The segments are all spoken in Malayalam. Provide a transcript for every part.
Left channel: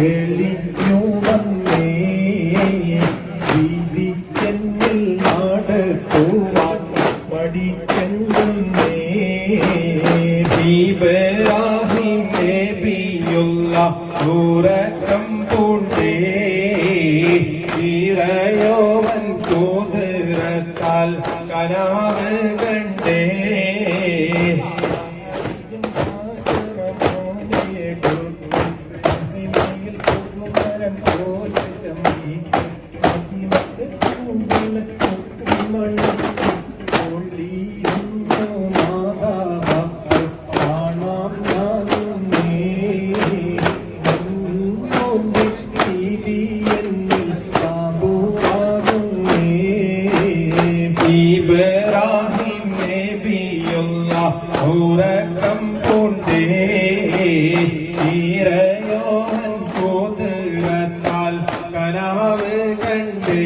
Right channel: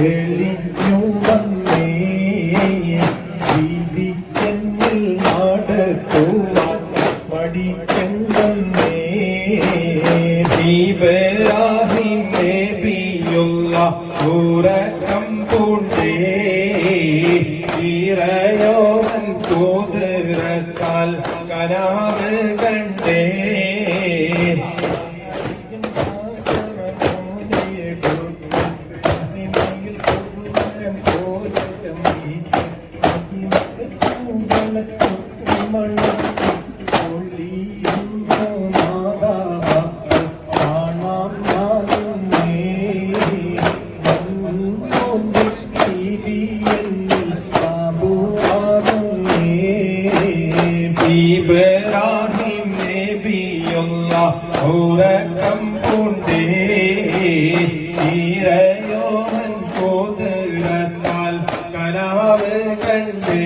തെളിഞ്ഞു വന്നേ വീതി എന്നിൽ നാടത്തുവാൻ പഠിക്കണ്ടേ ഇബ്രാഹിം നബിയുള്ള ഉറക്കം പൂണ്ടേ ഇറയോവൻ കുതിരത്താൽ കരാവ് കണ്ടേ ഇബ്രാഹിം നബിയുള്ള ഉറക്കം പൂണ്ടേ ഇറയോവൻ കുതിരത്താൽ കരാവ് കണ്ടേ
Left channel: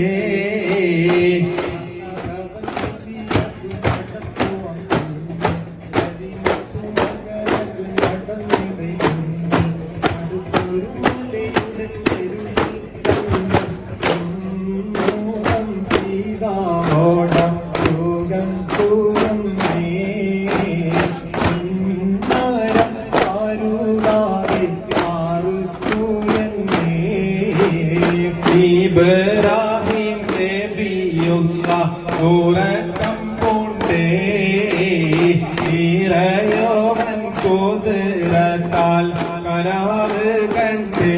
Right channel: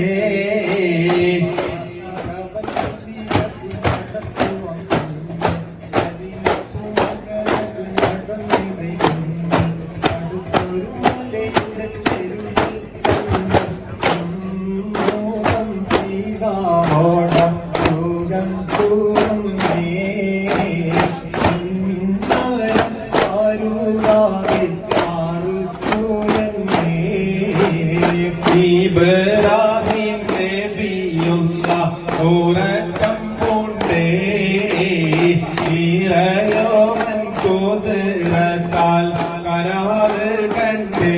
ഇബ്രാഹിം നബിയുള്ള ഉറക്കം പൂണ്ടേ ഇറയോവൻ കുതിരത്താൽ കരാവ് കണ്ടേ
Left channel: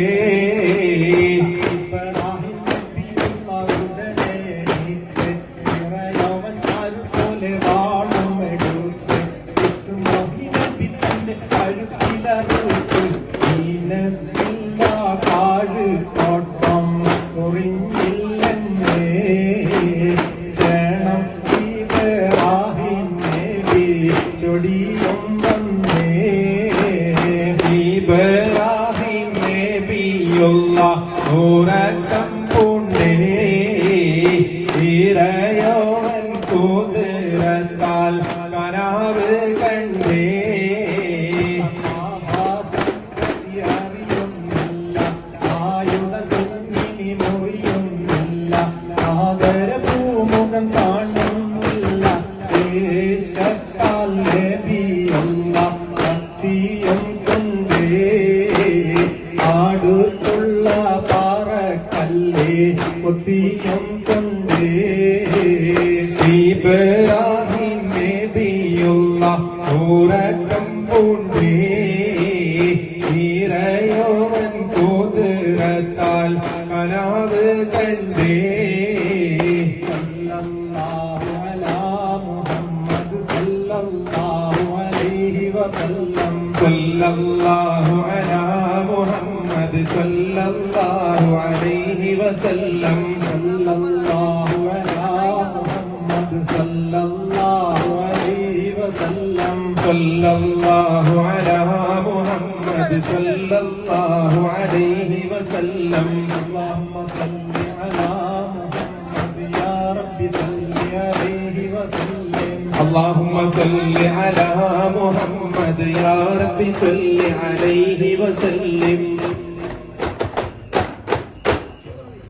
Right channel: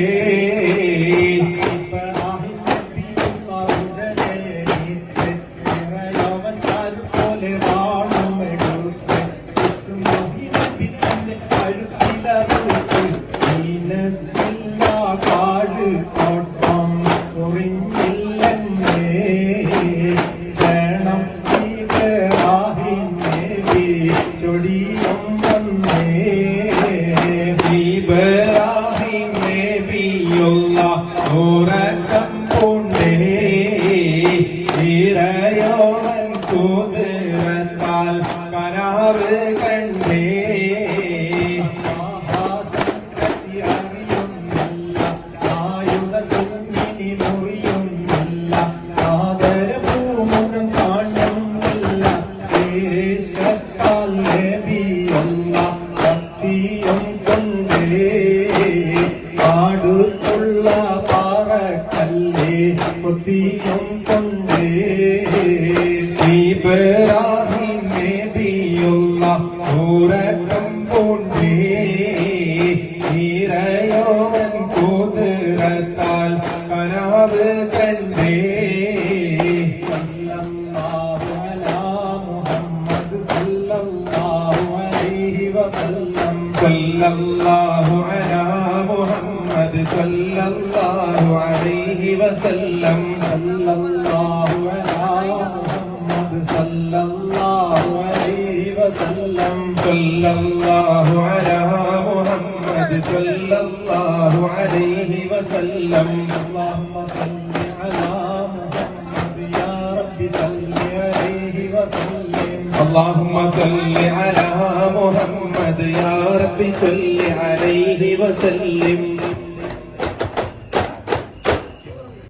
ഇബ്രാഹിം നബിയുള്ള ഉറക്കം പൂണ്ടേ ഇറയോവൻ കുതിരത്താൽ കരാവ് കണ്ടേ അടുത്തുള്ള പാറക്കല്ലേ കൊത്തിയും കൊണ്ടേ ഇബ്രാഹിം നബിയുള്ള ഉറക്കം പൂണ്ടേ ഇറയോവൻ കുതിരത്താൽ കരാവ് കണ്ടേ സല്ലല്ലാഹു അലാ മുഹമ്മദ് സല്ലല്ലാഹു അലൈഹി വസല്ലം സല്ലല്ലാഹു അലാ മുഹമ്മദ് സല്ലല്ലാഹു അലൈഹി വസല്ലം സല്ലല്ലാഹു അലാ മുഹമ്മദ് സല്ലല്ലാഹു അലൈഹി വസല്ലം സല്ലല്ലാഹു അലാ മുഹമ്മദ് സല്ലല്ലാഹു അലൈഹി വസല്ലം അല്ലാഹുമ്മ സല്ലി അലാ മുഹമ്മദ് യാ റബ്ബി സല്ലി അലൈഹി വസല്ലം അല്ലാഹുമ്മ സല്ലി അലാ മുഹമ്മദ് യാ റബ്ബി സല്ലി അലൈഹി വസല്ലം